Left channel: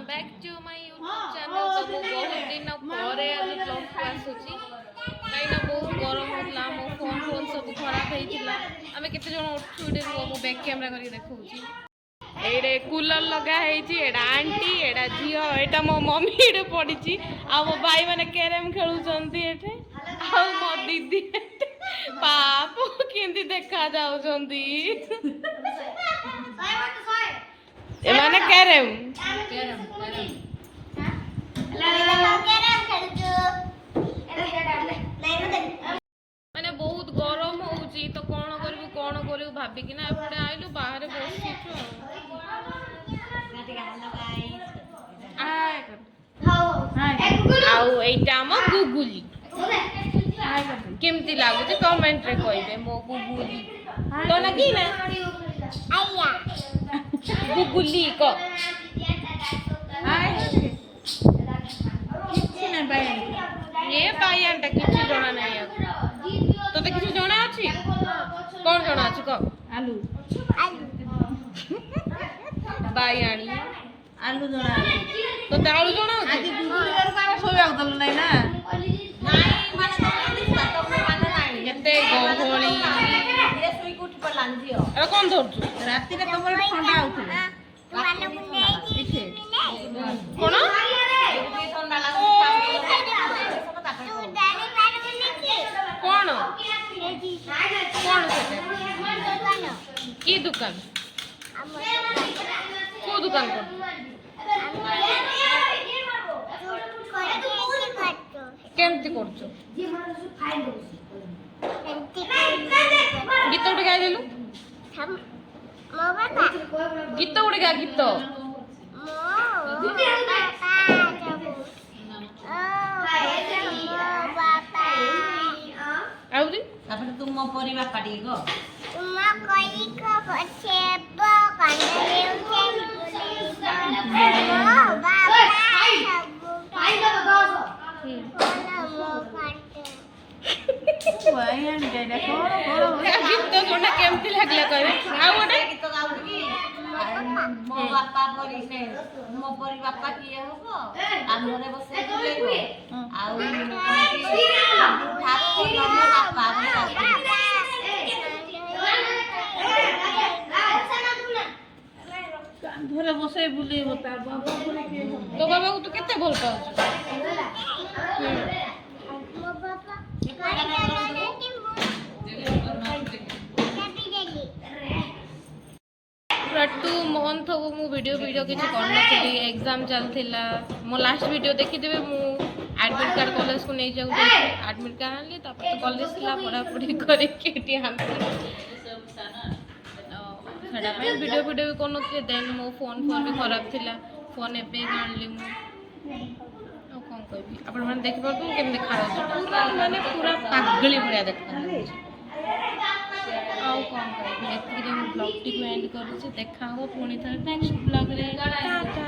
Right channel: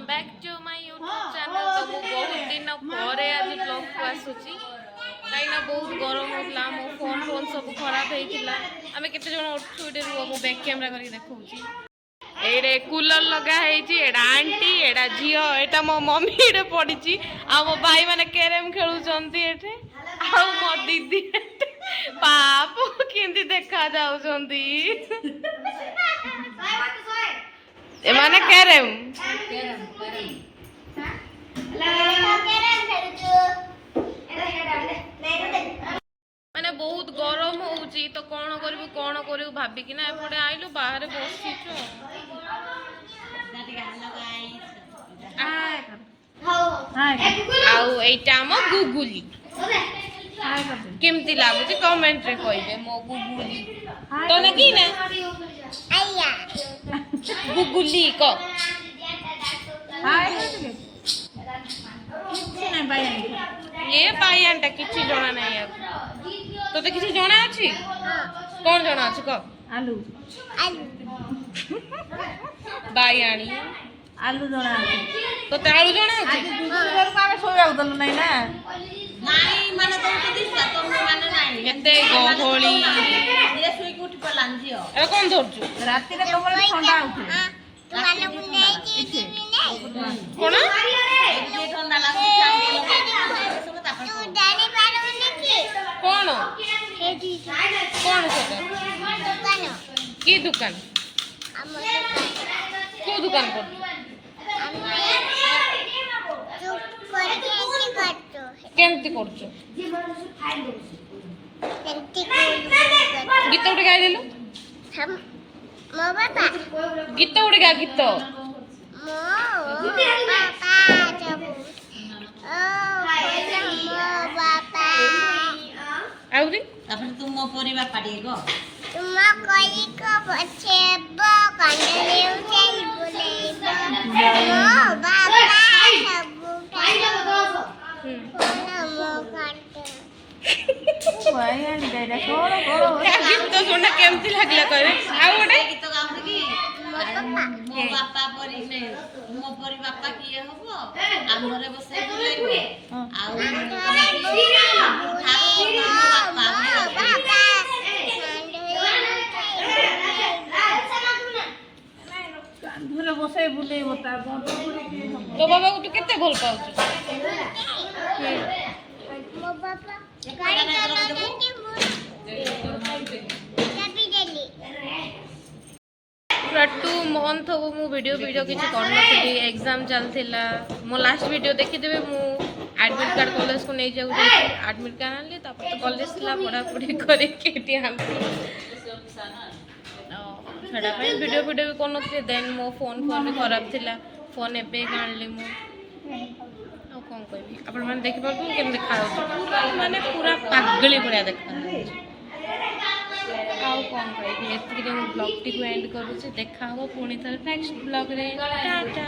Welcome back to my YouTube channel. तो मु बहुत दिन पर आज ब्लॉग को आसुची कहीं बहुत गरम होता मो फोन सब खराब होता आम केते जन उठे रुह मु बैक कैमरा करके देखौची एडे कूलर लगा है आंटी एडा झील एटा मो मम्मी एडे पड़ी आ मो भाई माने कैरम खेलुचंती एठे आ मो दीदी पाप केंदी देखा जाउचंती एमाने कैरम माने बहुत गरम होउची तो कौन करू भाबी कि ना एपटे आइलु बाहर बसिछु आउ एटा हम गुगुली केमती लागुची कमेंट रे कहबे मो गुगुली तो ना की ना आया गुगुली को ये बायानटा किसी जना नहीं यार तो किसी जना अछि कौन जना अछि को आलू बायाणी आलू जना तो आलू जना अछि दूसरे का सो जाउ दल नहीं ना नहीं माने तो माने नहीं केते गहोली ये सोई उठ पलान जियो ए कोन धरजु राती रे कमर ठंडा आउथि कोन ठंडा लागु कौन कौन से की दुकान को दुकान कर केमती करछो गीत उठे गाई देलु हम मो बापा गीत उठे गा गीत मो बापा जबू आउरी तापर तुम मो परी बापा डी गो तुम कोई को पछेबो कंडले उठेल बोलेबो मो बापा सबु खाइलो मो काटे भाई एंड डेडा छोड़ गीत तो सुनना केमती लागला करे आ ओडे गीत गाउडी की मो बापा परी ने मो परी बापा किए होबो आमरे बसे बोलेबो आउ घरे बसे बुले होता तो बाबा को तू केते भल पाउछ मो बापा गाड़ी चलाने की चाबी देली पूरा 2 मंथ हो मु वीडियो किसी करनथि एग्जाम चलथिला मो लास्ट वीडियो देखि देबे मु एडमिट कार्ड कॉलेज को नहीं जाऊ एडमिट कार्ड आनली तापर तो कॉलेज ला पढ़ा पढ़ी करे केटी आनली छड़ा पे वीडियो भी करनथि देन मो फोन भी खराब थिला फोन एबे आनली मु आ कोन कहबी अपन माने देखि परतु केम देखा पूरा माने पूरा पागली भरिया देखा आउ कौन कहबी एतिके ब्लॉग टी को एंड करूची देखा हो पुणी थर नेक्स्ट ब्लॉग रे टाटा।